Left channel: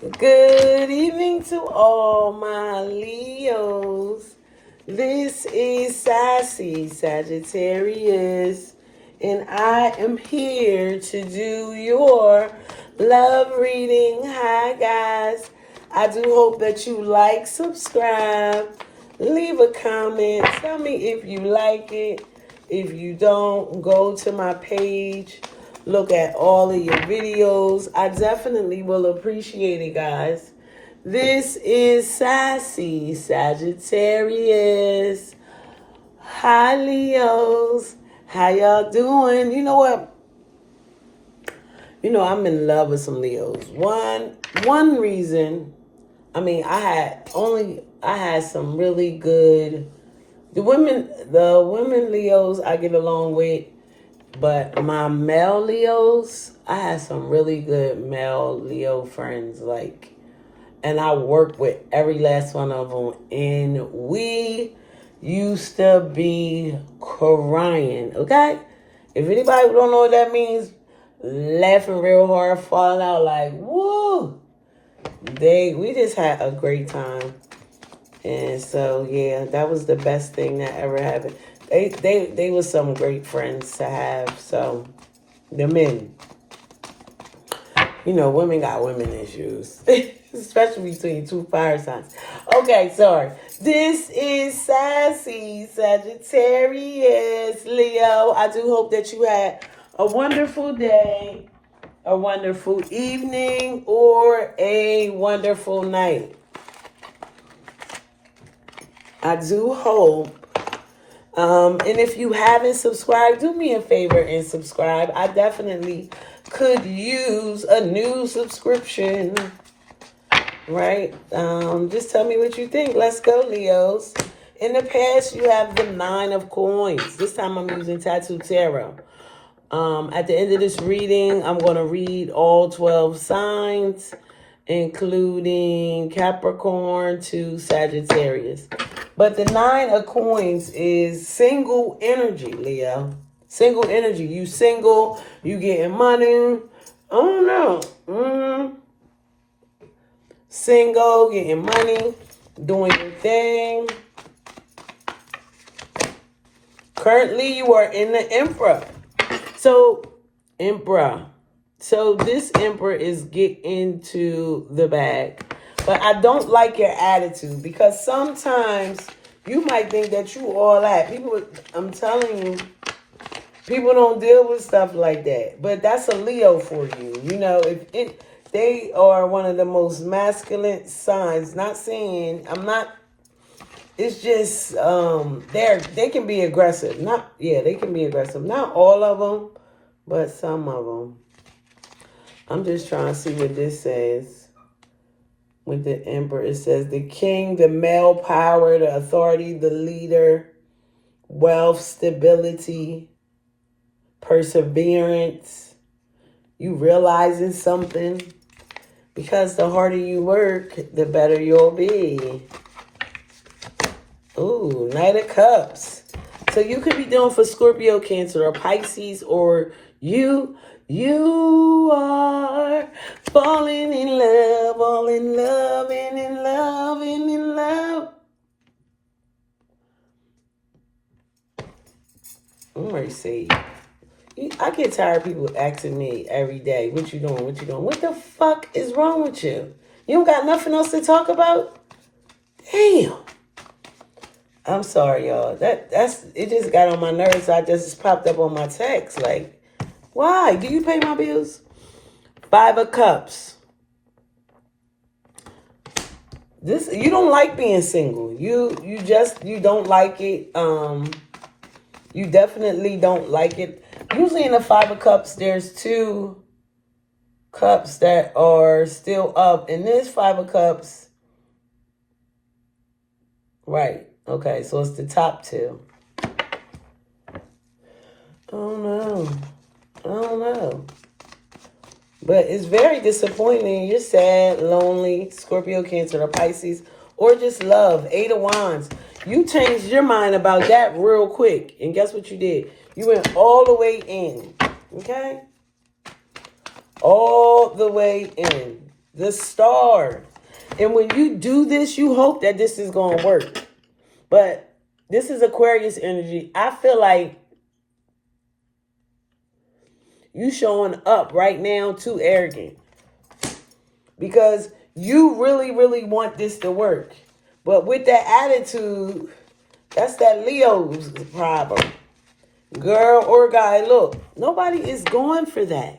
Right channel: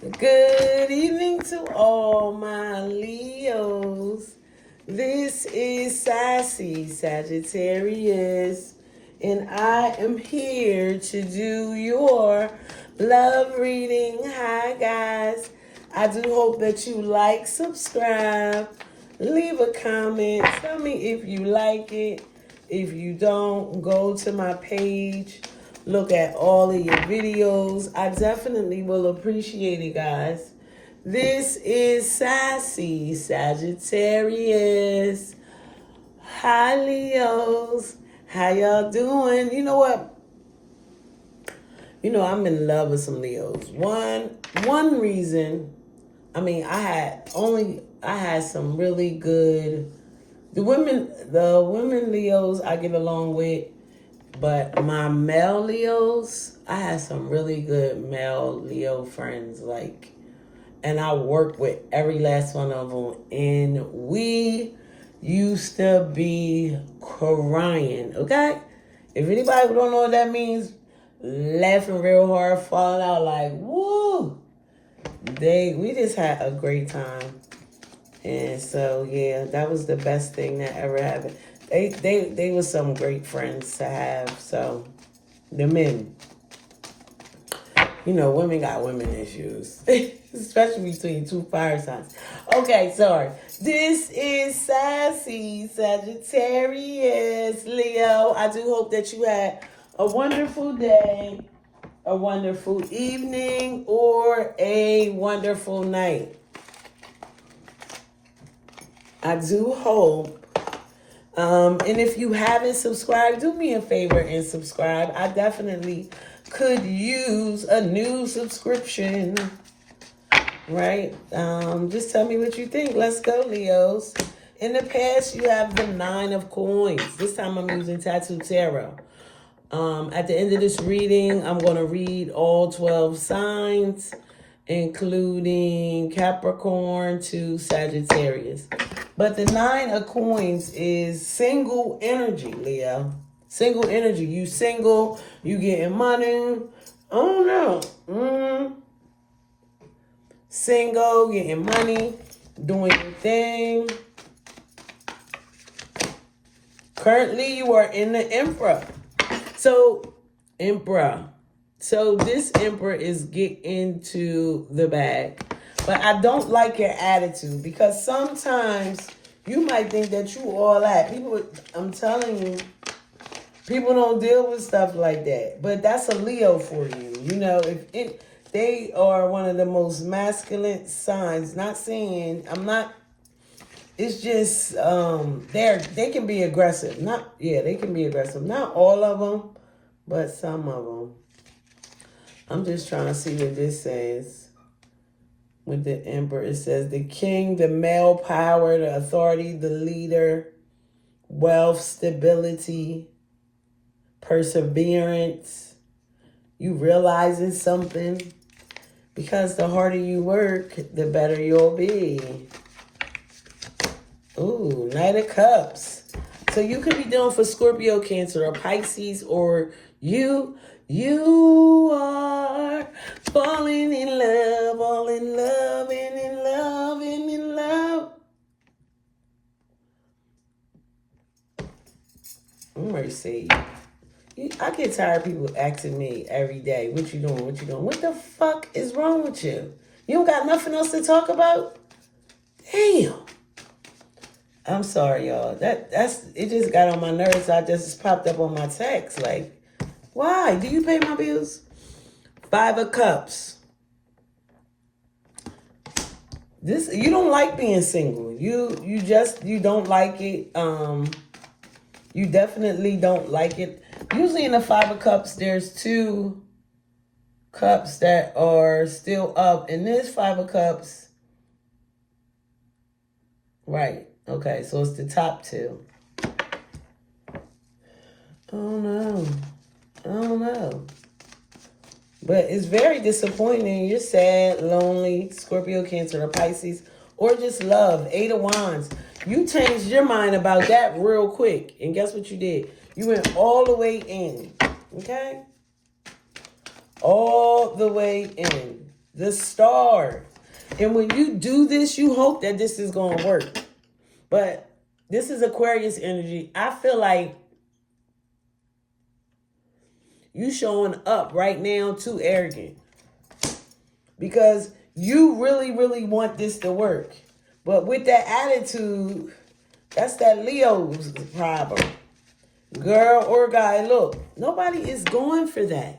Good evening to all my Leos. This is Sassy Sagittarius, and I am here to do your love reading. Hi, guys. I do hope that you like, subscribe, leave a comment. Tell me if you like it. If you don't, go to my page. Look at all of your videos. I definitely will appreciate it, guys. This is Sassy Sagittarius. Hi, Leos. How y'all doing? You know what? I'm in love with some Leos. One reason, I had some really good the women Leos I get along with. But my male Leos, I have some really good male Leo friends, and I work with every last one of them. And we used to be crying, okay? If anybody don't know what that means, laughing real hard, falling out like, woo! We just had a great time. And so, yeah, that was the best thing that ever happened. They were some great friends to have. So, the men, women got women issues, especially between two fire signs. Okay, sorry. This is Sassy Sagittarius, Leo. I do hope that you had a wonderful day, a wonderful evening, or a wonderful night. I do hope. And if you haven't subscribed, do me a favor and subscribe. I definitely could use a new subscription, right? Just tell me what you think. Let's go, Leos. In the past, you have the 9 of coins. This time I'm using Tattoo Tarot. At the end of this reading, I'm going to read all 12 signs, including Capricorn to Sagittarius. But the 9 of coins is single energy, Leo. Single energy. You single, you getting money. I don't know. Single, getting money, doing your thing. Currently, you are in the Emperor. Emperor. So this Emperor is getting into the bag. But I don't like your attitude, because sometimes you might think that you all that. I'm telling you, people don't deal with stuff like that. But that's a Leo for you. They are one of the most masculine signs. It's just they can be aggressive. They can be aggressive. Not all of them, but some of them. I'm just trying to see what this says. With the Emperor, it says the king, the male power, the authority, the leader, wealth, stability, perseverance. You realizing something, because the harder you work, the better you'll be. Ooh, Knight of Cups. So you could be dealing for Scorpio, Cancer, or Pisces, or you are falling in love, all in love, and in love, and in love. Mercy. I get tired of people asking me every day, what you doing, what you doing? What the fuck is wrong with you? You don't got nothing else to talk about? Damn. I'm sorry, y'all. It just got on my nerves. I just popped up on my text. Like, why? Do you pay my bills? 5 of Cups. You don't like being single. You don't like it. You definitely don't like it. Usually in the 5 of Cups, there's 2 cups that are still up. And this 5 of Cups, right. Okay, so it's the top 2. Oh no. But it's very disappointing. You're sad, lonely, Scorpio, Cancer, or Pisces, or just love. 8 of Wands. You changed your mind about that real quick. And guess what you did? You went all the way in. Okay? All the way in. the Star. And when you do this, you hope that this is going to work. But this is Aquarius energy. I feel like you showing up right now too arrogant. Because you really, really want this to work. But with that attitude, that's that Leo's problem. Girl or guy, look, nobody is going for that.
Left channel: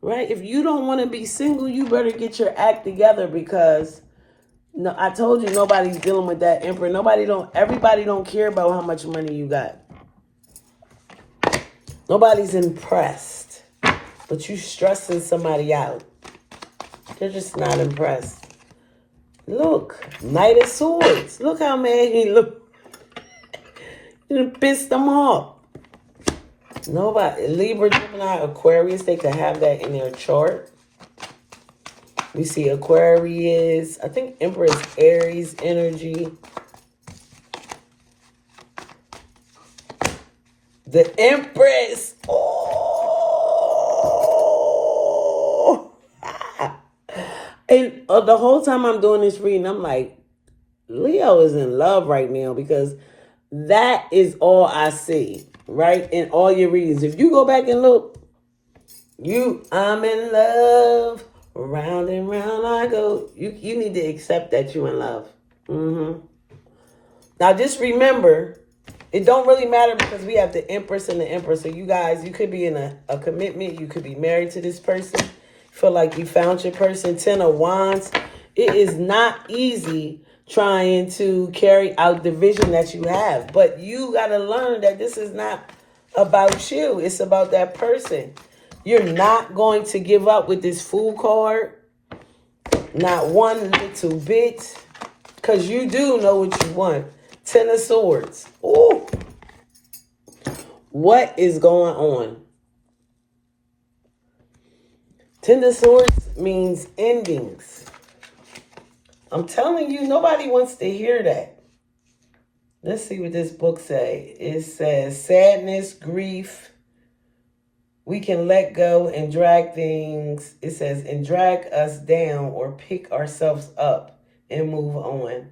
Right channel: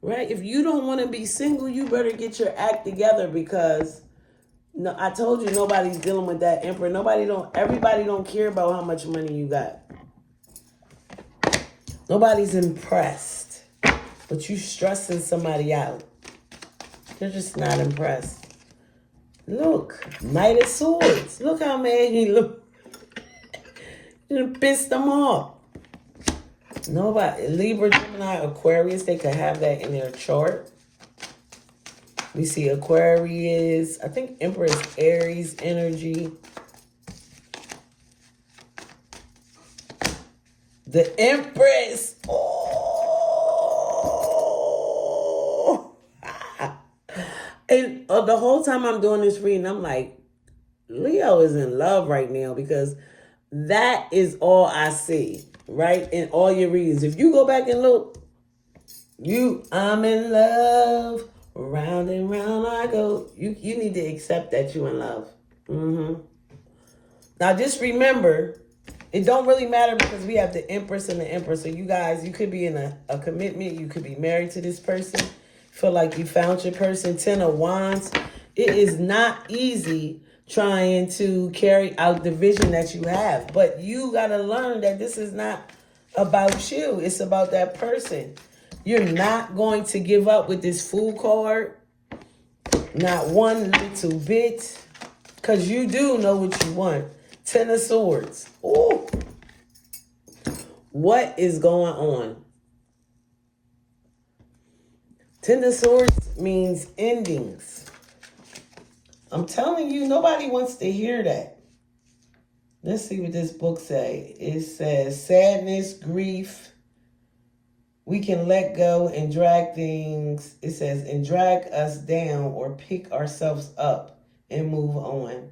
Right? If you don't want to be single, you better get your act together, because no, I told you nobody's dealing with that Emperor. Everybody don't care about how much money you got. Nobody's impressed. But you stressing somebody out. They're just not impressed. Look, Knight of Swords. Look how mad he look. You pissed them off. Nobody, Libra, Gemini, Aquarius, they could have that in their chart. We see Aquarius. I think Emperor is Aries energy. The Empress. Oh. And the whole time I'm doing this reading, I'm like, Leo is in love right now, because that is all I see, right? In all your readings. If you go back and look, I'm in love. Round and round I go. You need to accept that you're in love. Now just remember, it don't really matter, because we have the Empress and the Emperor. So you guys, you could be in a commitment. You could be married to this person. Feel like you found your person. 10 of Wands. It is not easy trying to carry out the vision that you have. But you got to learn that this is not about you. It's about that person. You're not going to give up with this Fool card. Not one little bit. Because you do know what you want. 10 of Swords. Ooh. What is going on? 10 of Swords means endings. I'm telling you, nobody wants to hear that. Let's see what this book says. It says sadness, grief. We can let go and drag things. It says, and drag us down or pick ourselves up and move on.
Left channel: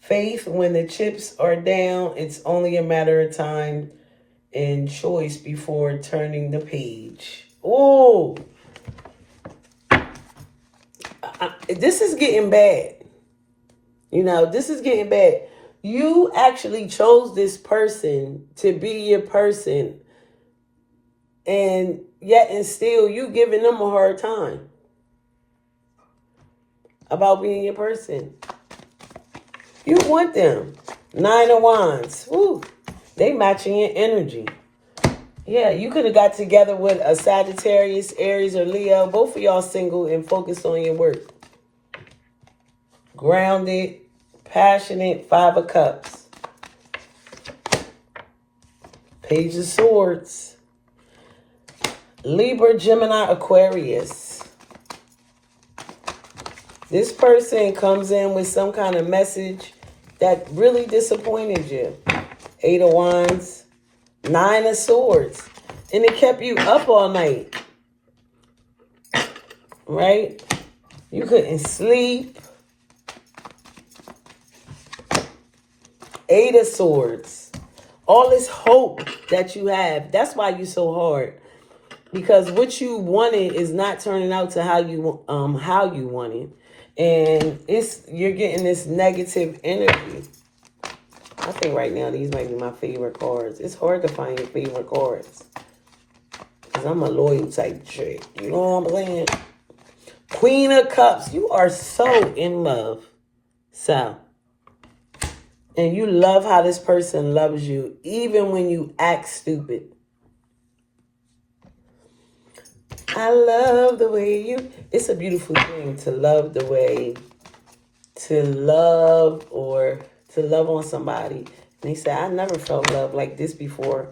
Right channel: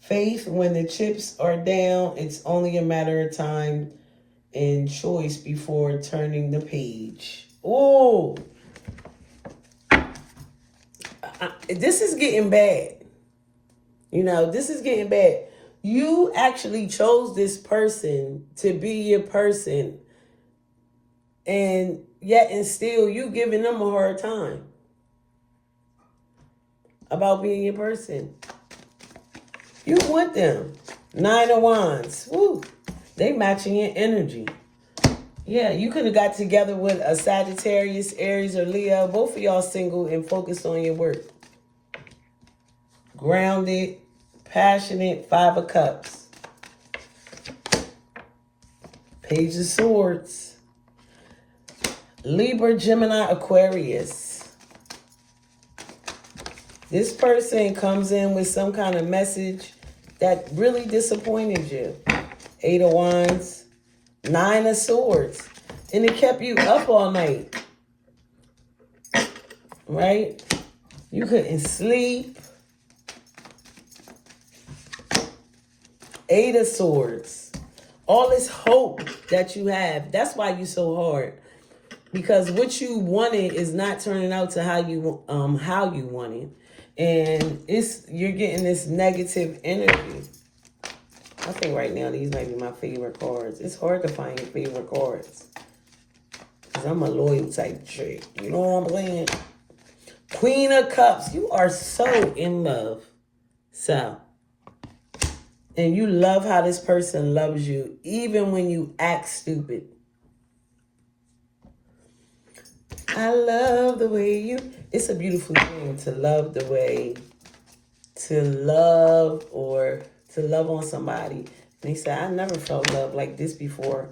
Faith, when the chips are down, it's only a matter of time and choice before turning the page. Oh, this is getting bad. You know, this is getting bad. You actually chose this person to be your person, and yet and still you giving them a hard time about being your person. You want them. 9 of Wands. Woo. They matching your energy. Yeah, you could have got together with a Sagittarius, Aries, or Leo. Both of y'all single and focused on your work. Grounded, passionate, 5 of Cups. Page of Swords. Libra, Gemini, Aquarius. This person comes in with some kind of message that really disappointed you. 8 of Wands. 9 of Swords. And it kept you up all night. Right? You couldn't sleep. 8 of Swords. All this hope that you have. That's why you're so hard. Because what you wanted is not turning out to how you wanted. And you're getting this negative energy. I think right now these might be my favorite cards. It's hard to find your favorite cards. Because I'm a loyal type chick. You know what I'm saying? Queen of Cups. You are so in love. So. And you love how this person loves you. Even when you act stupid. I love the way you... It's a beautiful thing to love the way... To love or... To love on somebody. And he said, I never felt love like this before.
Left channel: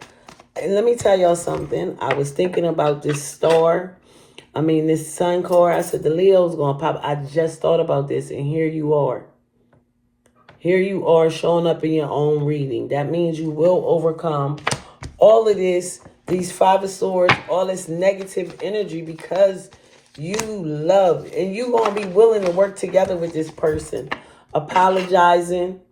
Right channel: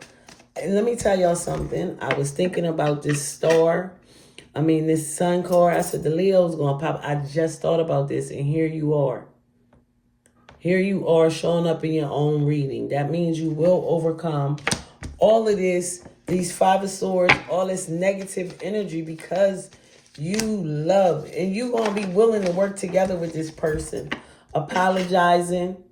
And let me tell y'all something. I was thinking about this this sun card. I said, the Leo's going to pop. I just thought about this. And here you are. Here you are showing up in your own reading. That means you will overcome all of this. These 5 of Swords. All this negative energy. Because you love, and you going to be willing to work together with this person. Apologizing.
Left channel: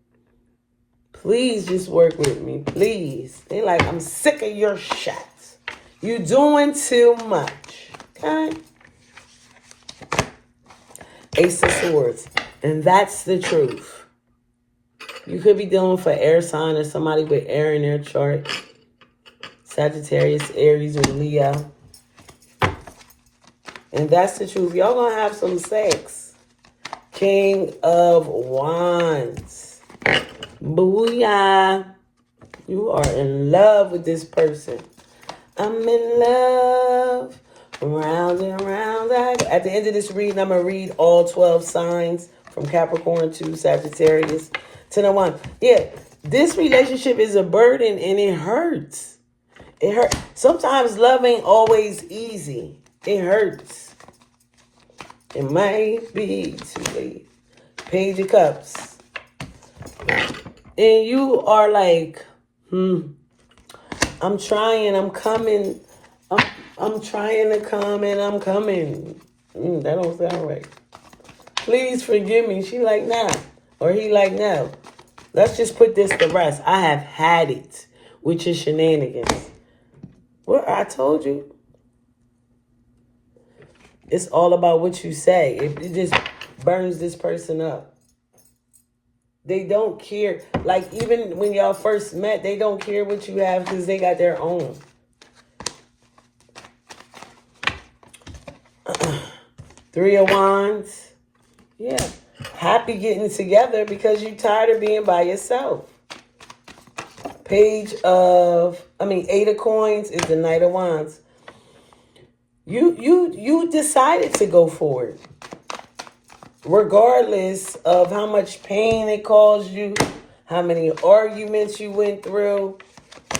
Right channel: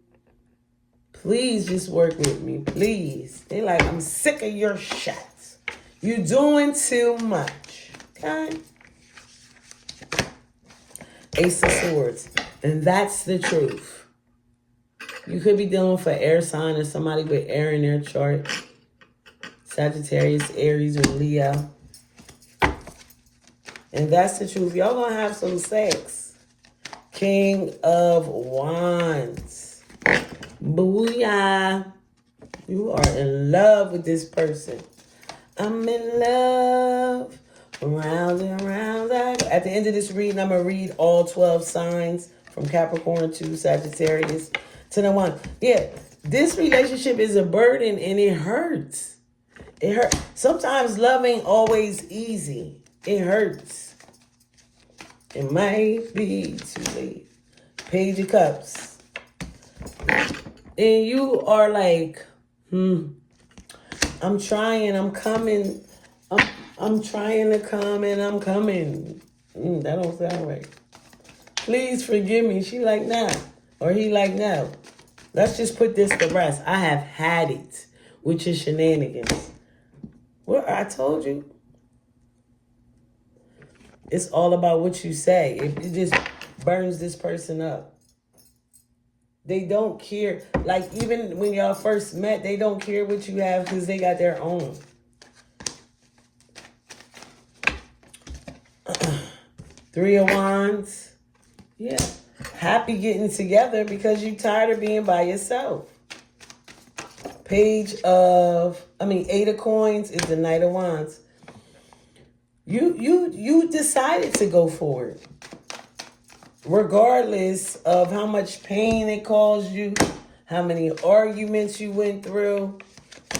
Please just work with me, please. They like, I'm sick of your shots. You doing too much. Okay? Ace of Swords. And that's the truth. You could be dealing with an air sign or somebody with air in their chart. Sagittarius, Aries, or Leo. And that's the truth. Y'all gonna have some sex. King of Wands. Booyah. You are in love with this person. I'm in love. Round and round. At the end of this reading, I'm going to read all 12 signs from Capricorn to Sagittarius to the one. Yeah, this relationship is a burden and it hurts. It hurts. Sometimes love ain't always easy. It hurts. It might be too late. Page of Cups. And you are like, I'm trying, I'm coming. I'm trying to come and I'm coming. That don't sound right. Please forgive me. She like, nah. Or he like, no. Let's just put this to rest. I have had it with your shenanigans. Well, I told you. It's all about what you say. It just burns this person up. They don't care. Like, even when y'all first met, they don't care what you have because they got their own. Three of Wands. Yeah. Happy getting together because you're tired of being by yourself. Eight of Coins is the Knight of Wands. You decided to go for it. Regardless of how much pain it caused you, how many arguments you went through.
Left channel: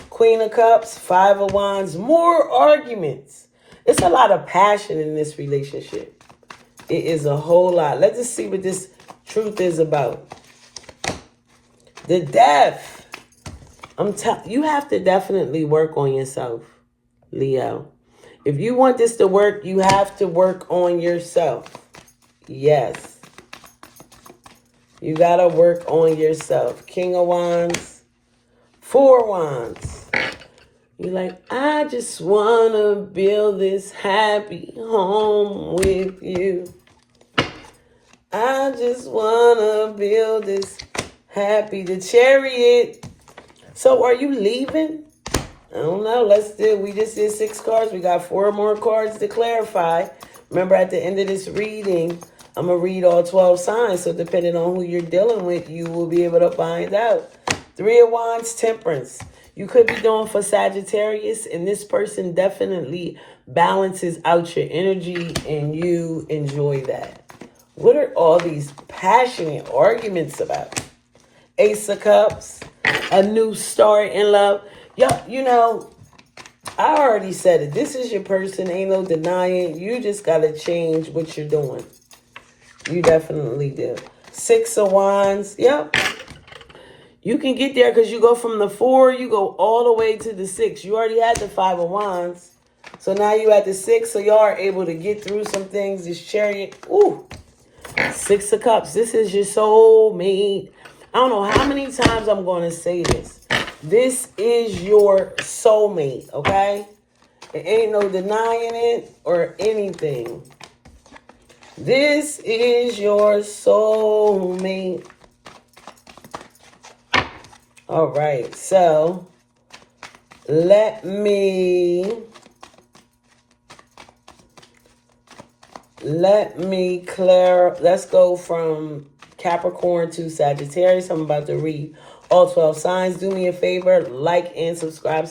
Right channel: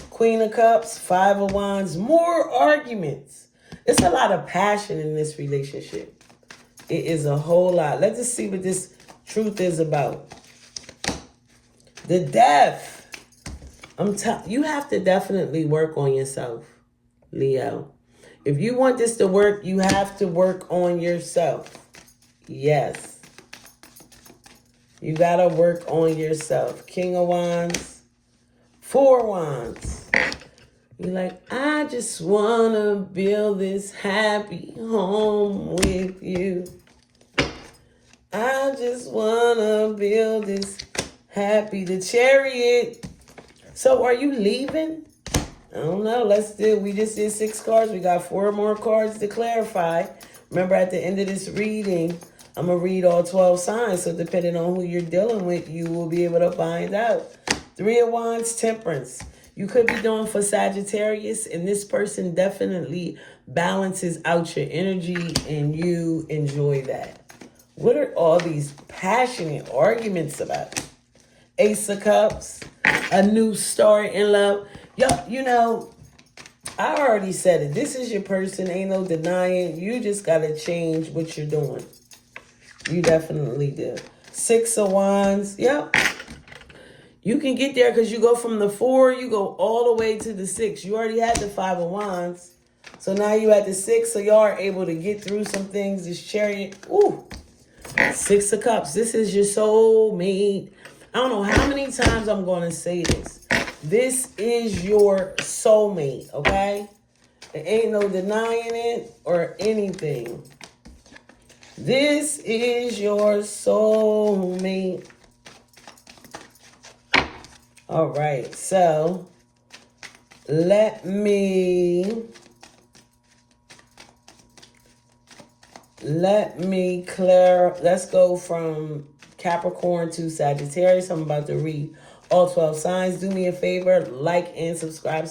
Queen of Cups, Five of Wands, more arguments. It's a lot of passion in this relationship. It is a whole lot. Let's just see what this truth is about. The Death. You have to definitely work on yourself, Leo. If you want this to work, you have to work on yourself. Yes. You got to work on yourself. King of Wands. Four Wands. You're like, I just want to build this happy home with you. I just want to build this happy. The Chariot. So are you leaving? I don't know. We just did 6 cards. We got 4 more cards to clarify. Remember, at the end of this reading, I'm going to read all 12 signs. So depending on who you're dealing with, you will be able to find out. Three of Wands, Temperance. You could be doing for Sagittarius, and this person definitely balances out your energy, and you enjoy that. What are all these passionate arguments about? Ace of Cups, a new start in love. Yeah, I already said it. This is your person. Ain't no denying. You just got to change what you're doing. You definitely do. 6 of Wands. Yep. You can get there because you go from the 4, you go all the way to the 6. You already had the 5 of Wands. So now you at the 6, so y'all are able to get through some things. This Chariot. Ooh. 6 of Cups. This is your soulmate. I don't know how many times I'm going to say this. This is your soulmate, okay? There ain't no denying it or anything. This is your soulmate. All right, so let me clear. Let's go from Capricorn to Sagittarius. I'm about to read all 12 signs. Do me a favor, like and subscribe.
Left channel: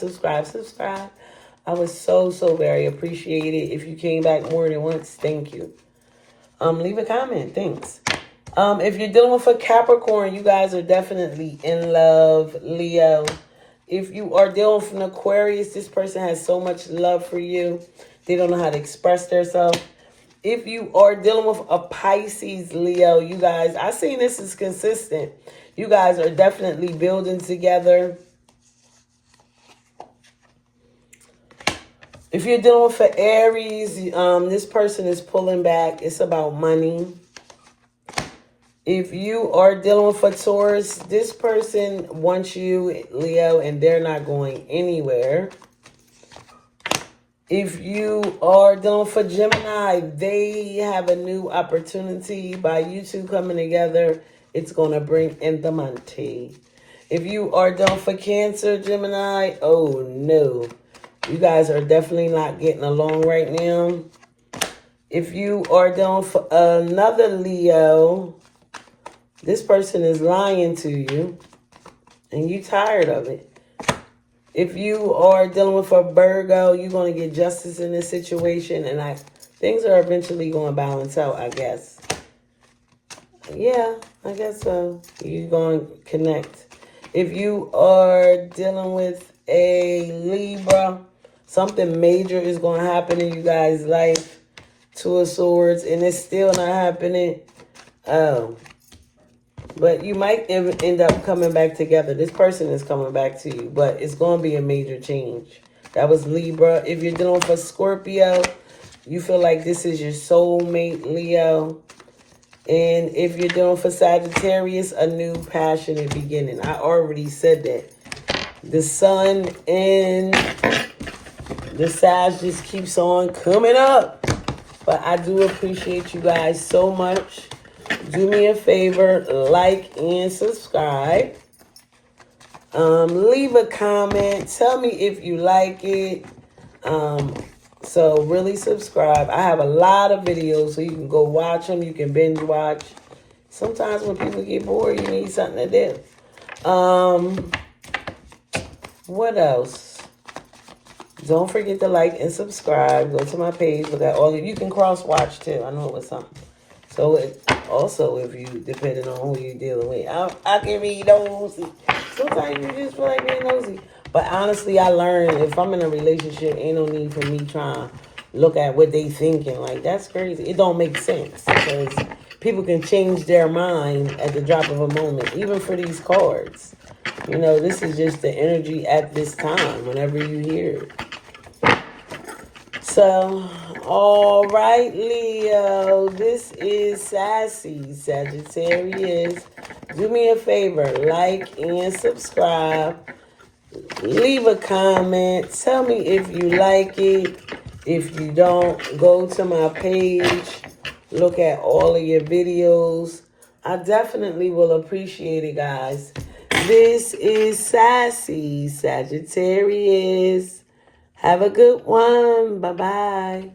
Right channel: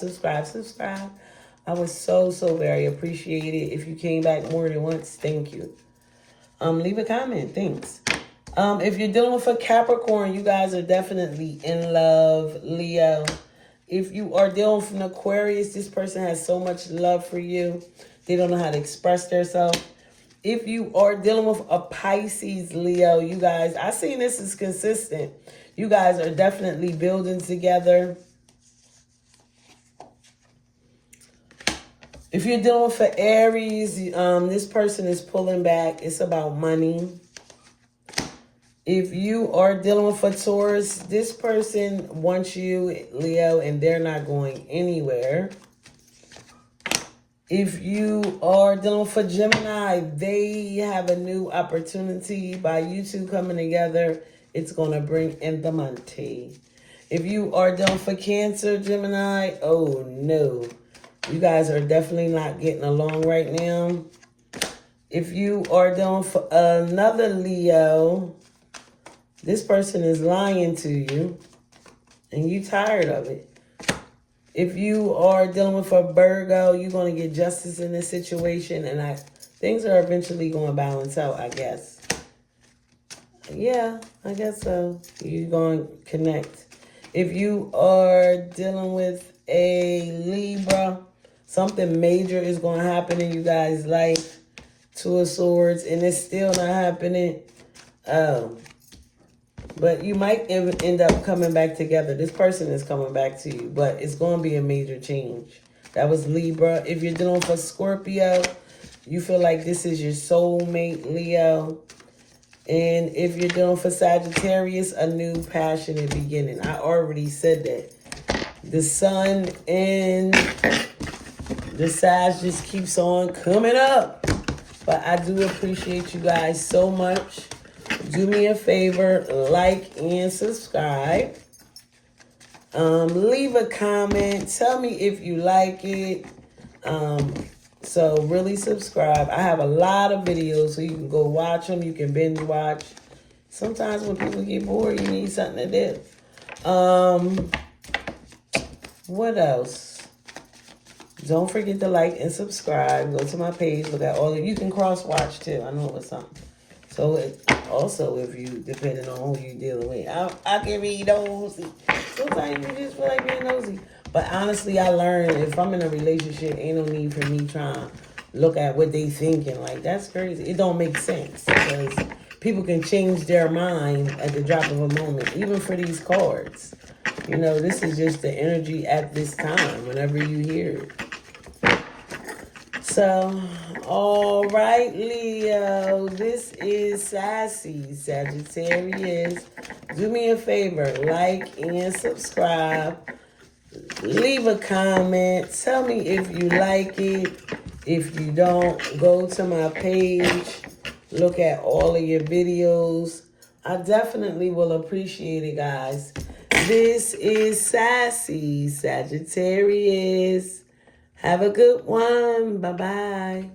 I would so very appreciate it. If you came back more than once, thank you. Leave a comment. Thanks. If you're dealing with a Capricorn, you guys are definitely in love, Leo. If you are dealing with an Aquarius, this person has so much love for you. They don't know how to express themselves. If you are dealing with a Pisces, Leo, you guys, I see this is consistent. You guys are definitely building together. If you're dealing for Aries, this person is pulling back. It's about money. If you are dealing for Taurus, this person wants you, Leo, and they're not going anywhere. If you are dealing for Gemini, they have a new opportunity. By you two coming together, it's going to bring in the money. If you are dealing for Cancer, Gemini, oh no. You guys are definitely not getting along right now. If you are dealing for another Leo, this person is lying to you and you tired of it. If you are dealing with a Virgo, you're going to get justice in this situation, and things are eventually going to balance out, I guess. Yeah, I guess so. You're going to connect. If you are dealing with a Libra, something major is going to happen in you guys' life. Two of Swords, and it's still not happening. But you might end up coming back together. This person is coming back to you, but it's going to be a major change. That was Libra. If you're dealing for Scorpio, you feel like this is your soulmate, Leo. And if you're dealing for Sagittarius, a new passionate beginning. I already said that. The sun and the Sag just keeps on coming up. But I do appreciate you guys so much. Do me a favor, like and subscribe. Leave a comment. Tell me if you like it. So really subscribe. I have a lot of videos, so you can go watch them. You can binge watch. Sometimes when people get bored, you need something to do. What else? Don't forget to like and subscribe. Go to my page. Look at all of you. Can cross watch too. I know it was something. So also, if you, depending on who you're dealing with, I can be nosy. Sometimes you just feel like being nosy. But honestly, I learned if I'm in a relationship, ain't no need for me trying to look at what they thinking. Like, that's crazy. It don't make sense because people can change their mind at the drop of a moment, even for these cards. You know, this is just the energy at this time, whenever you hear it. So, all right, Leo, this is Sassy Sagittarius. Do me a favor, like and subscribe. Leave a comment. Tell me if you like it. If you don't, go to my page. Look at all of your videos. I definitely will appreciate it, guys. This is Sassy Sagittarius. Have a good one. Bye-bye.